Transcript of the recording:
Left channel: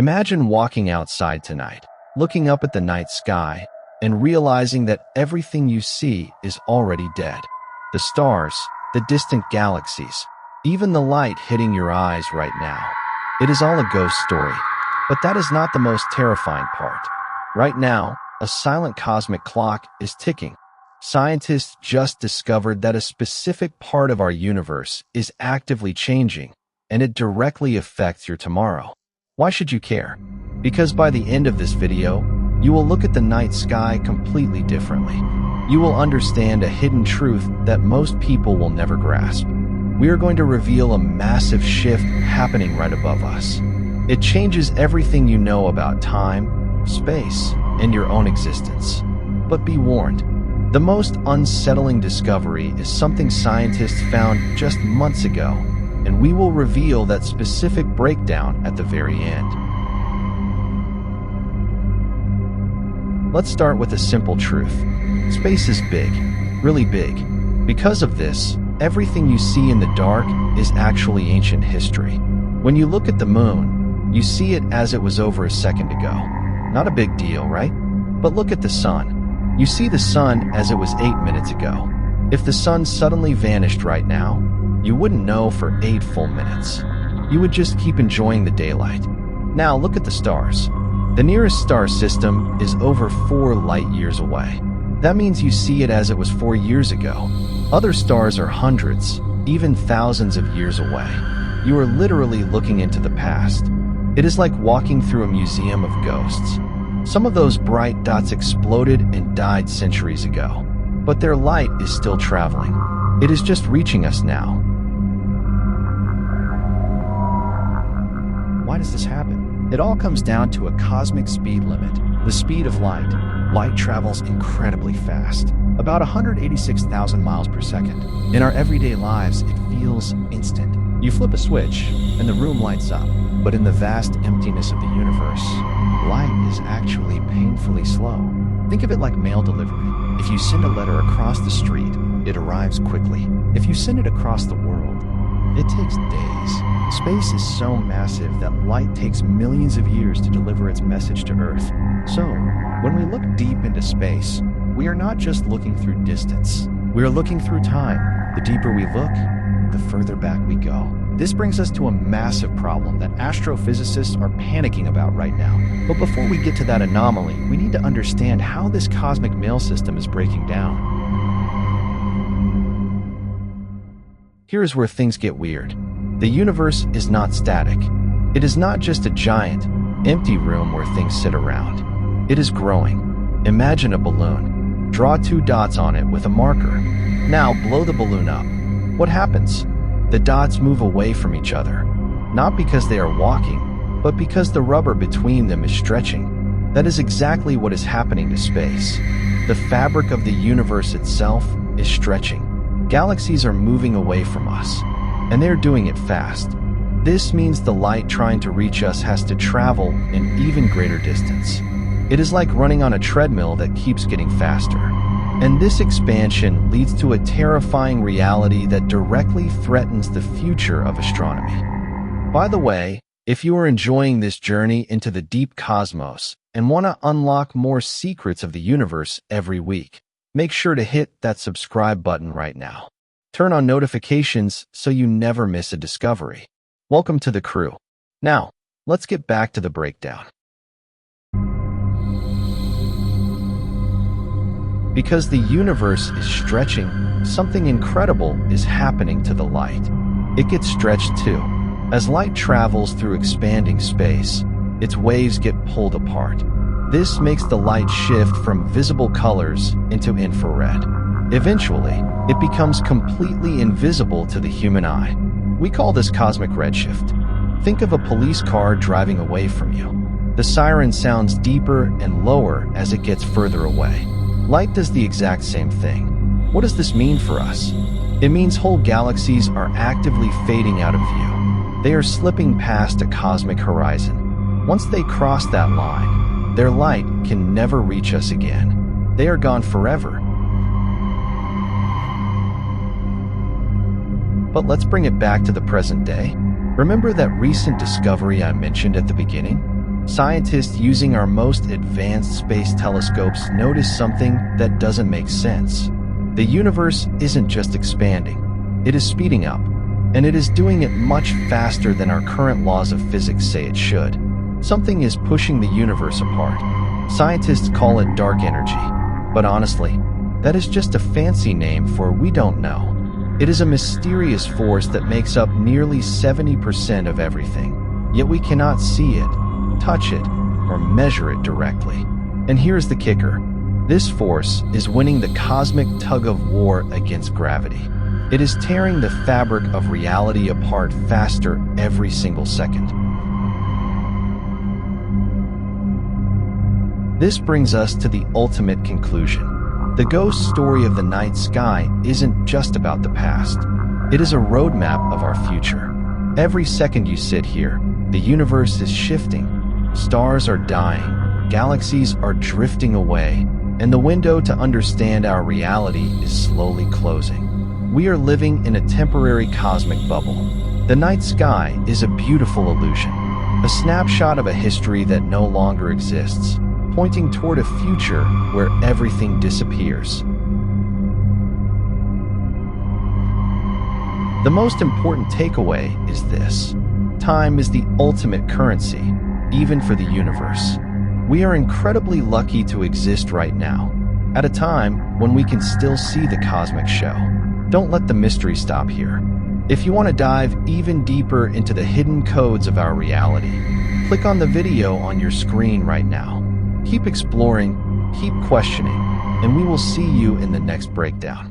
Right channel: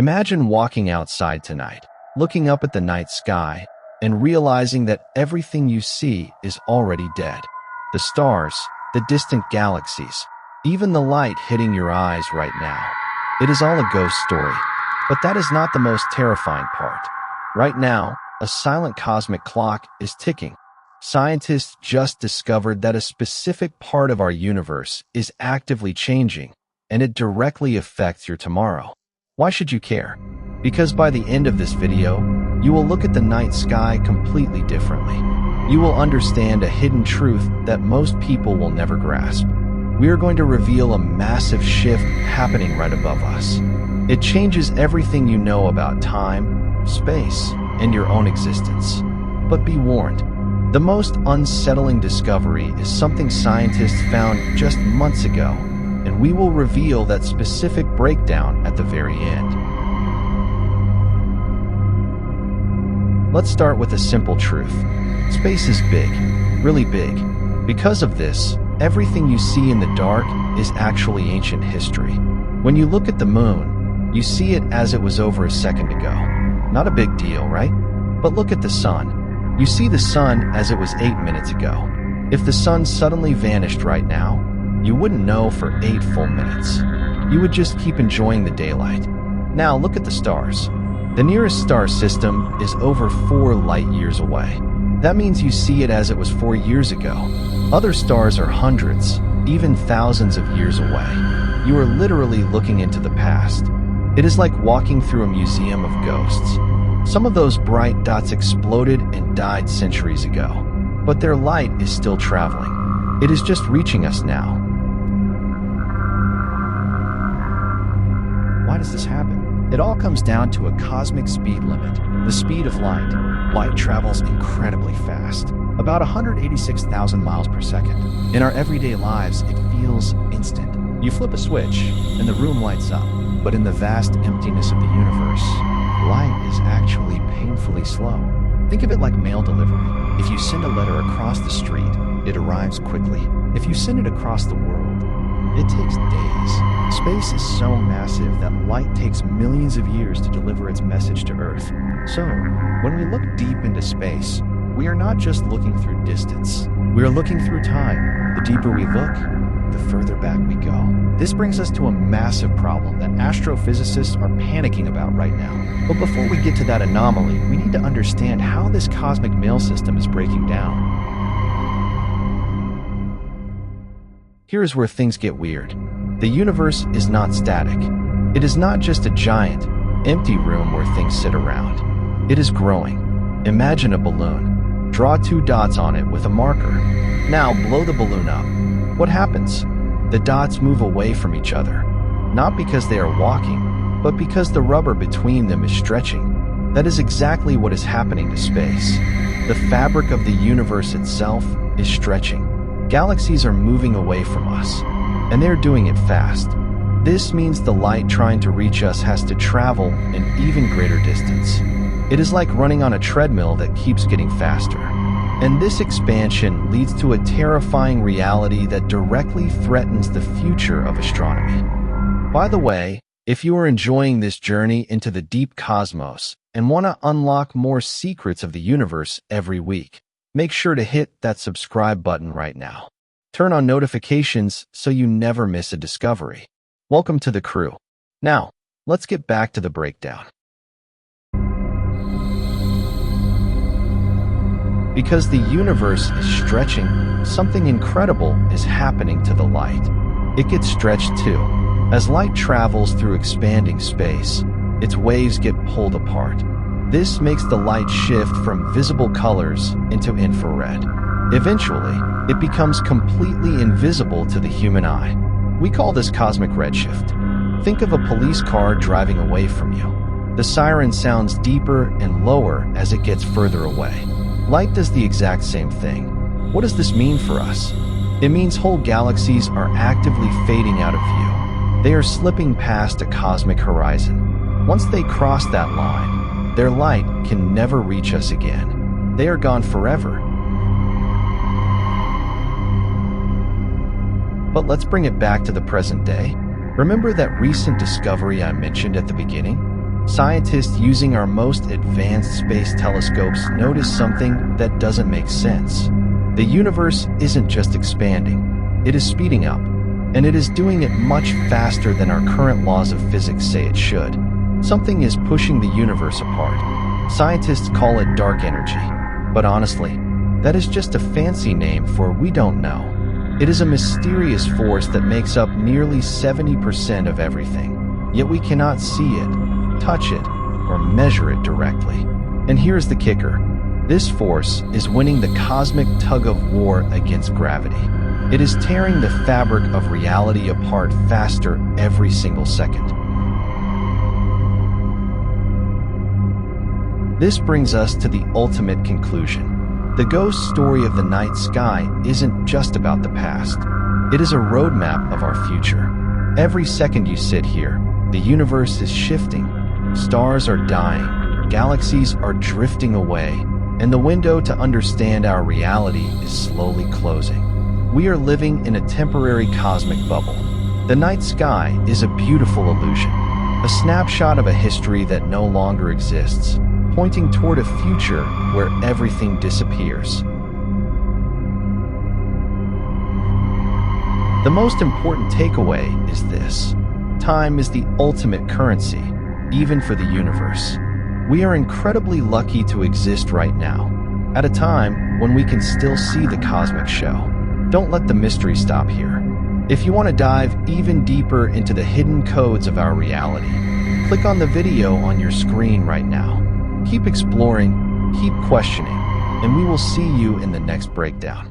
Imagine walking outside tonight, looking up at the night sky, and realizing that everything you see is already dead. The stars, the distant galaxies, even the light hitting your eyes right now. It is all a ghost story. But that is not the most terrifying part. Right now, a silent cosmic clock is ticking. Scientists just discovered that a specific part of our universe is actively changing, and it directly affects your tomorrow. Why should you care? Because by the end of this video, you will look at the night sky completely differently. You will understand a hidden truth that most people will never grasp. We are going to reveal a massive shift happening right above us. It changes everything you know about time, space, and your own existence. But be warned, the most unsettling discovery is something scientists found just months ago, and we will reveal that specific breakdown at the very end. Let's start with a simple truth. Space is big, really big. Because of this, everything you see in the dark is actually ancient history. When you look at the moon, you see it as it was over a second ago. Not a big deal, right? But look at the sun. You see the sun as it was 8 minutes ago. If the sun suddenly vanished right now, you wouldn't know for 8 full minutes. You would just keep enjoying the daylight. Now look at the stars. The nearest star system is over 4 light years away. That means you see it as it was 4 years ago. Other stars are hundreds, even thousands of years away. You are literally looking into the past. It is like walking through a museum of ghosts. Some of those bright dots exploded and died centuries ago, but their light is still traveling. It is just reaching us now. Why does this happen? It all comes down to a cosmic speed limit, the speed of light. Light travels incredibly fast, about 186,000 miles per second. In our everyday lives, it feels instant. You flip a switch, and the room lights up. But in the vast emptiness of the universe, light is actually painfully slow. Think of it like mail delivery. If you send a letter across the street, it arrives quickly. If you send it across the world, it takes days. Space is so massive that light takes millions of years to deliver its message to Earth. So, when we look deep into space, we are not just looking through distance. We are looking through time. The deeper we look, the further back we go. This brings us to a massive problem that astrophysicists are panicking about right now. But before we get to that anomaly, we need to understand how this cosmic mail system is breaking down. Here's where things get weird. The universe is not static. It is not just a giant, empty room where things sit around. It is growing. Imagine a balloon. Draw 2 dots on it with a marker. Now blow the balloon up. What happens? The dots move away from each other. Not because they are walking, but because the rubber between them is stretching. That is exactly what is happening to space. The fabric of the universe itself is stretching. Galaxies are moving away from us, and they're doing it fast. This means the light trying to reach us has to travel an even greater distance. It is like running on a treadmill that keeps getting faster. And this expansion leads to a terrifying reality that directly threatens the future of astronomy. By the way, if you are enjoying this journey into the deep cosmos and want to unlock more secrets of the universe every week, make sure to hit that subscribe button right now. Turn on notifications so you never miss a discovery. Welcome to the crew. Now, let's get back to the breakdown. Because the universe is stretching, something incredible is happening to the light. It gets stretched too. As light travels through expanding space, its waves get pulled apart. This makes the light shift from visible colors into infrared. Eventually, it becomes completely invisible to the human eye. We call this cosmic redshift. Think of a police car driving away from you. The siren sounds deeper and lower as it gets further away. Light does the exact same thing. What does this mean for us? It means whole galaxies are actively fading out of view. They are slipping past a cosmic horizon. Once they cross that line, their light can never reach us again. They are gone forever. But let's bring it back to the present day. Remember that recent discovery I mentioned at the beginning? Scientists using our most advanced space telescopes notice something that doesn't make sense. The universe isn't just expanding, it is speeding up, and it is doing it much faster than our current laws of physics say it should. Something is pushing the universe apart. Scientists call it dark energy, but honestly, that is just a fancy name for we don't know. It is a mysterious force that makes up nearly 70% of everything, yet we cannot see it, touch it, or measure it directly. And here's the kicker. This force is winning the cosmic tug-of-war against gravity. It is tearing the fabric of reality apart faster every single second. This brings us to the ultimate conclusion. The ghost story of the night sky isn't just about the past. It is a roadmap of our future. Every second you sit here, the universe is shifting. Stars are dying, galaxies are drifting away, and the window to understand our reality is slowly closing. We are living in a temporary cosmic bubble. The night sky is a beautiful illusion, a snapshot of a history that no longer exists, pointing toward a future where everything disappears. The most important takeaway is this: time is the ultimate currency, even for the universe. We are incredibly lucky to exist right now, at a time when we can still see the cosmic show. Don't let the mystery stop here. If you want to dive even deeper into the hidden codes of our reality, click on the video on your screen right now. Keep exploring, keep questioning, and we will see you in the next breakdown.